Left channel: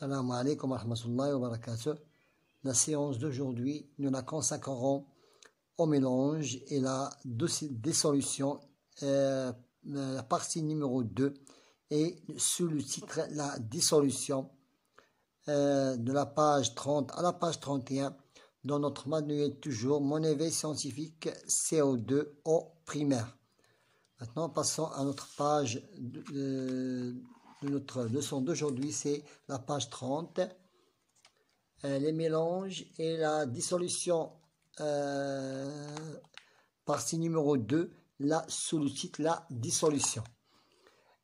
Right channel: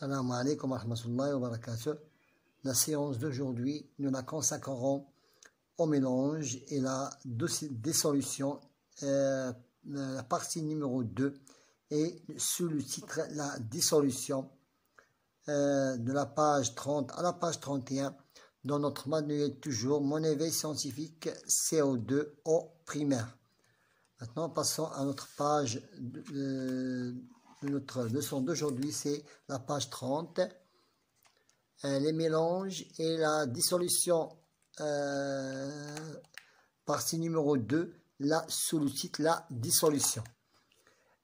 Salam alaikum wa rahmatullahi wa barakatuh. La séance d'aujourd'hui, nous la consacrerons au mélange et la dissolution, la partie numéro 2, et sous le titre la dissolution de la page 30 à la page 31 dans notre manuel toujours Mon éveil scientifique CO2 au primaire. Maintenant, passons à notre page de notre leçon d'aujourd'hui, c'est la page 30, les mélanges et la dissolution, partie numéro 2, là, sous le titre la dissolution.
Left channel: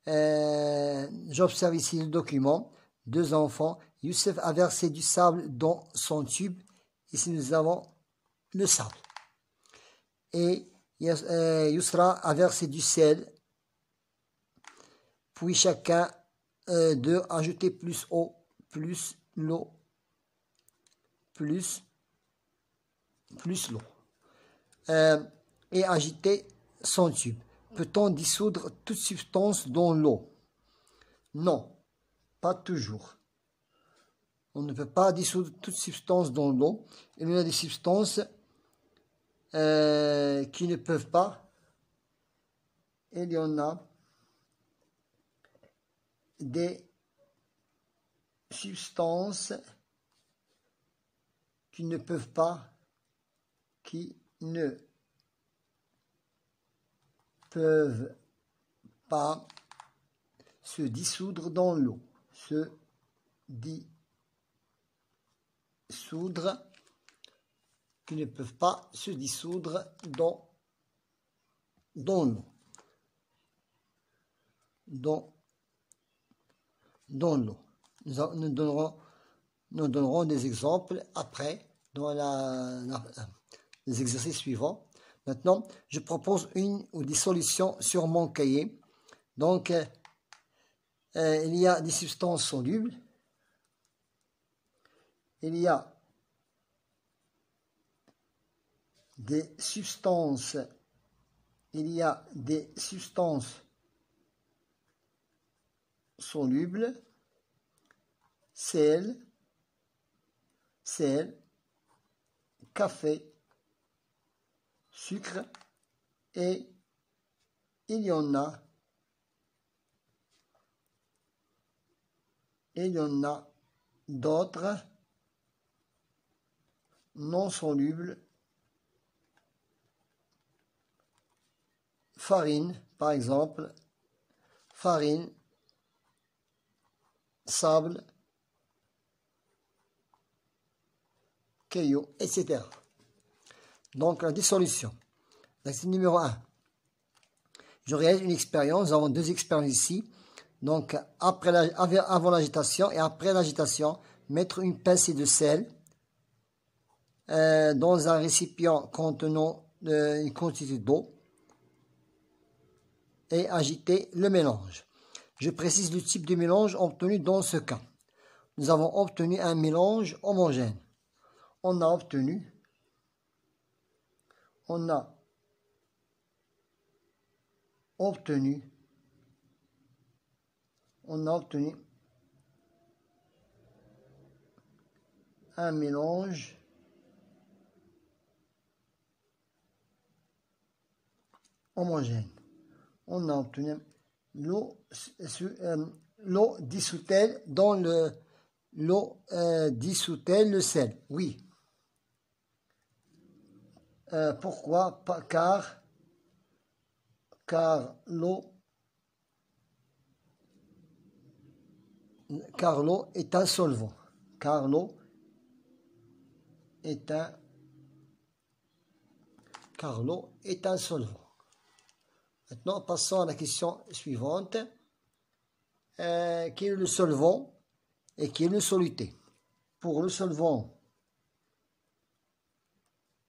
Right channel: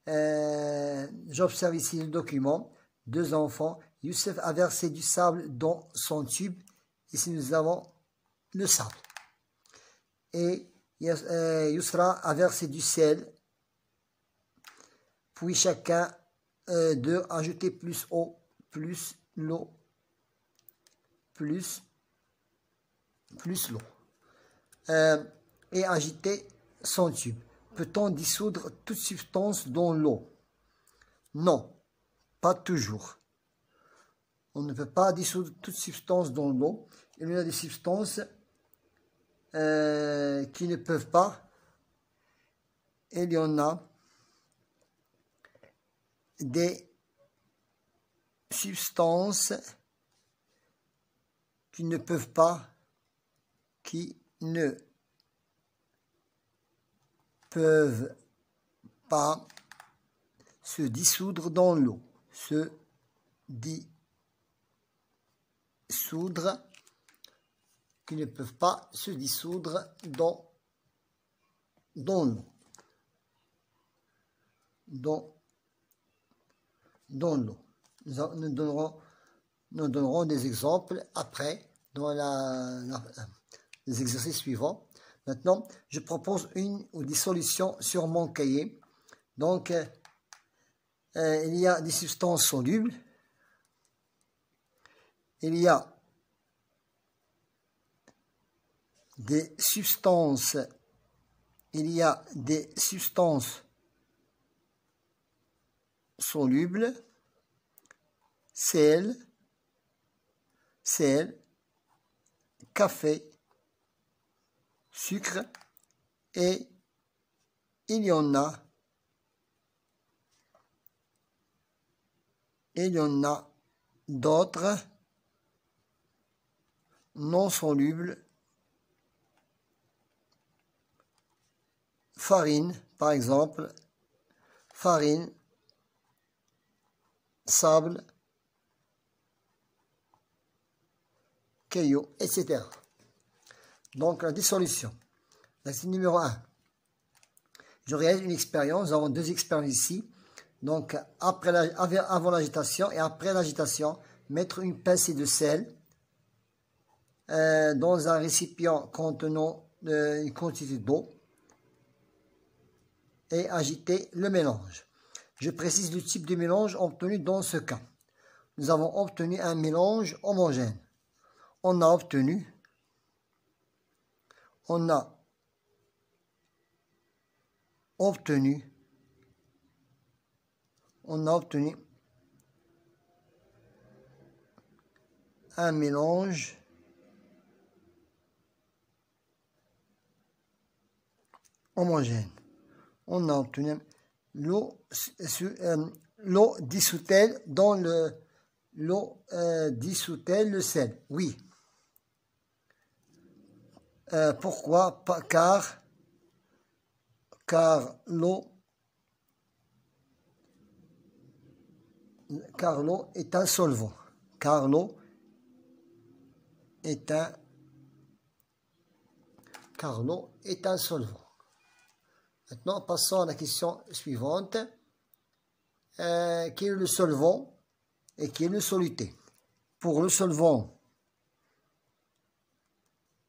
J'observe ici le document, deux enfants, Youssef a versé du sable dans son tube, ici nous avons le sable, et Yousra a versé du sel, puis chacun d'eux a ajouté plus eau, plus l'eau, plus l'eau, et agité son tube. Peut-on dissoudre toute substance dans l'eau? Non, pas toujours. On ne peut pas dissoudre toute substance dans l'eau. Il y a des substances qui ne peuvent pas. Il y en a des substances qui ne peuvent pas, se dissoudre dans l'eau. Se dissoudre, qui ne peuvent pas se dissoudre dans l'eau. Dans l'eau. Nous donnerons des exemples après dans les exercices suivants. Maintenant, je propose une ou des solutions sur mon cahier. Donc, il y a des substances solubles. Il y a des substances. Solubles, sel, café, sucre, et il y en a d'autres non solubles, farine par exemple, farine, sable, cailloux, etc. Donc la dissolution. L'exercice numéro 1. Je réalise une expérience. Nous avons deux expériences ici. Donc avant l'agitation et après l'agitation, mettre une pincée de sel dans un récipient contenant une quantité d'eau et agiter le mélange. Je précise le type de mélange obtenu dans ce cas. Nous avons obtenu un mélange homogène. On a obtenu un mélange homogène. On a obtenu l'eau dissout-elle dans l'eau dissout-elle le sel? Oui. Pourquoi? Car l'eau est un solvant. Car l'eau est un solvant. Maintenant, passons à la question suivante. Qui est le solvant et qui est le soluté? Pour le solvant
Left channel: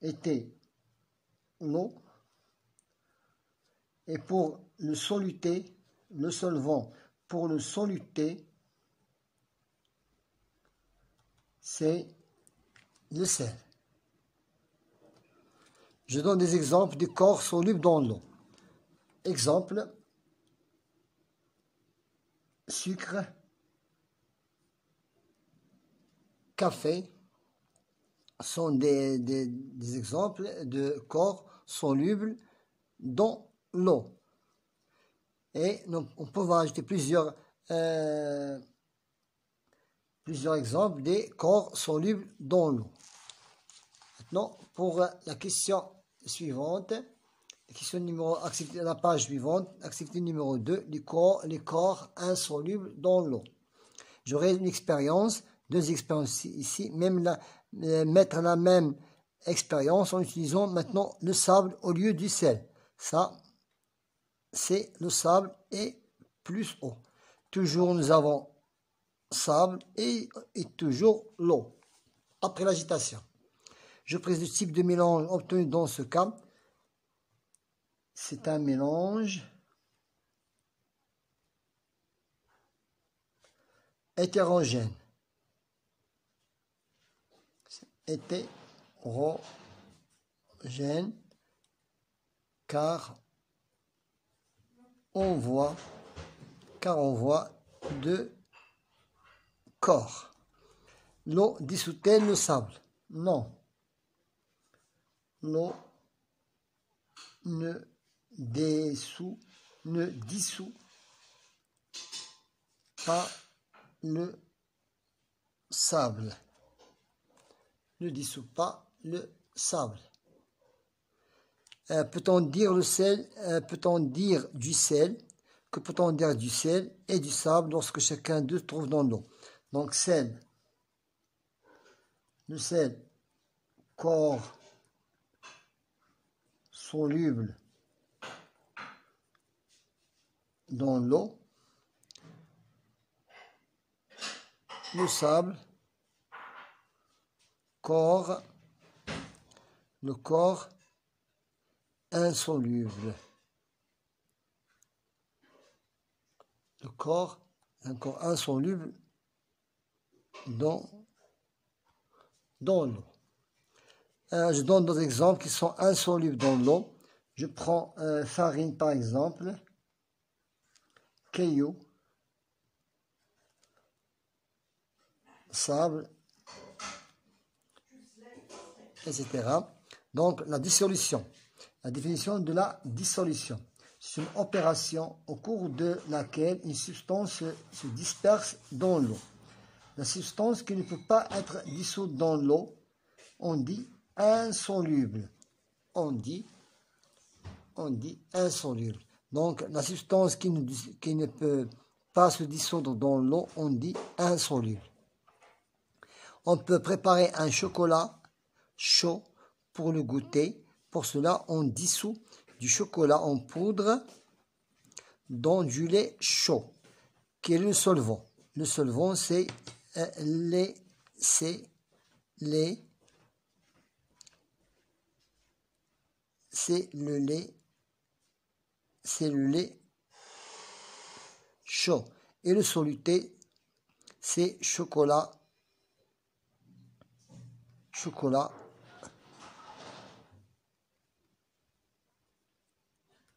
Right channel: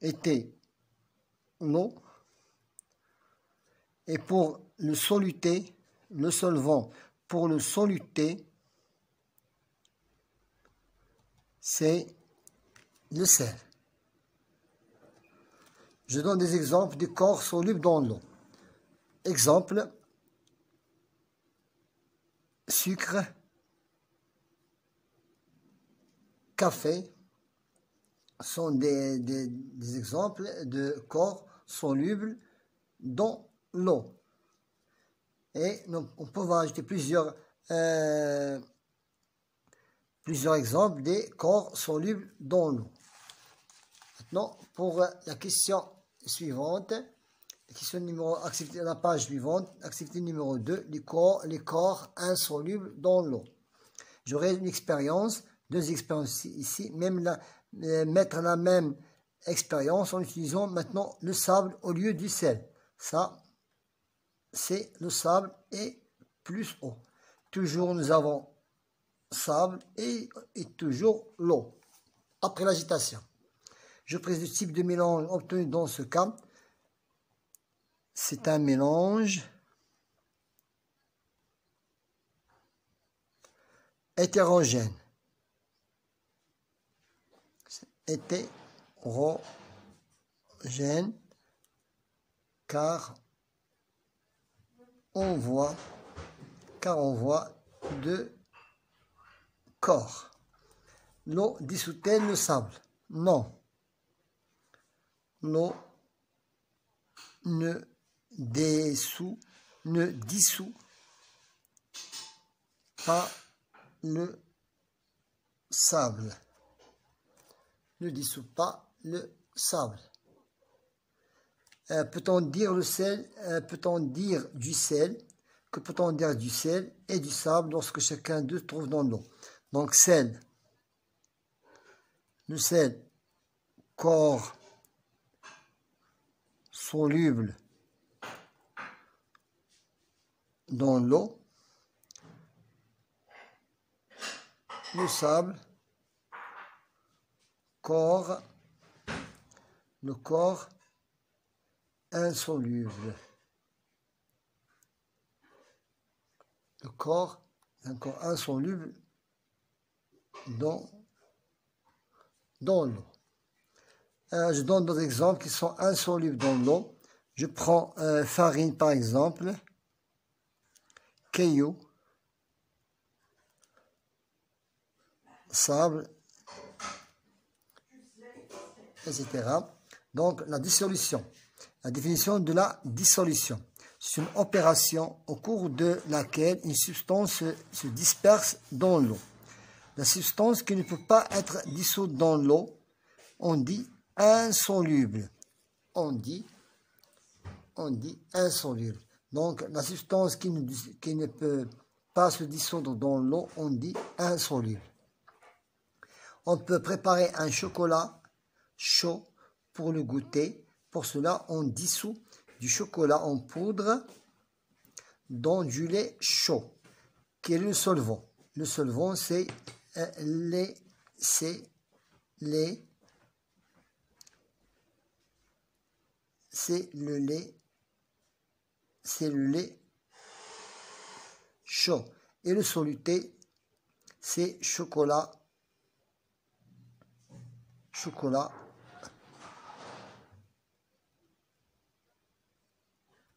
était l'eau, et pour le soluté, le solvant, pour le soluté, c'est le sel. Je donne des exemples de corps solubles dans l'eau. Exemple, sucre, café sont des exemples de corps solubles dans l'eau. Et on peut ajouter plusieurs exemples des corps solubles dans l'eau. Maintenant, pour la question suivante, la page suivante, activité numéro 2, les corps insolubles dans l'eau. J'aurai une expérience, deux expériences ici, mettre la même expérience en utilisant maintenant le sable au lieu du sel. Ça, c'est le sable et plus eau. Toujours nous avons sable et toujours l'eau. Après l'agitation, je précise le type de mélange obtenu dans ce cas. C'est un mélange hétérogène. Hétérogène, car on voit deux corps. L'eau dissout-elle le sable? Non. L'eau ne dissout pas le sable. Ne dissout pas le sable. Peut-on dire du sel? Que peut-on dire du sel et du sable lorsque chacun d'eux trouve dans l'eau? Donc le sel, corps soluble dans l'eau. Le sable, le corps insoluble. Le corps, un corps insoluble dans l'eau. Je donne d'autres exemples qui sont insolubles dans l'eau. Je prends farine par exemple, caillou, sable, etc. Donc la dissolution. La définition de la dissolution. C'est une opération au cours de laquelle une substance se disperse dans l'eau. La substance qui ne peut pas être dissoute dans l'eau, on dit insoluble. On dit insoluble. Donc, la substance qui ne peut pas se dissoudre dans l'eau, on dit insoluble. On peut préparer un chocolat chaud pour le goûter. Pour cela, on dissout du chocolat en poudre dans du lait chaud. Quel est le solvant? Le solvant, c'est le lait chaud. Et le soluté, c'est chocolat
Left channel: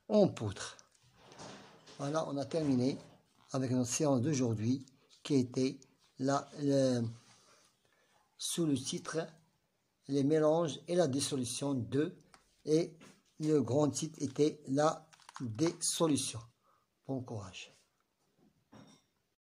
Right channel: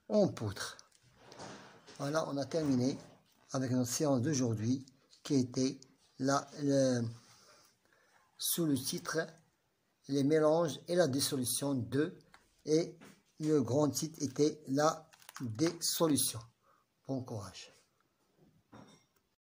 en poudre. Voilà, on a terminé avec notre séance d'aujourd'hui qui était sous le titre les mélanges et la dissolution 2, et le grand titre était la dissolution. Bon courage.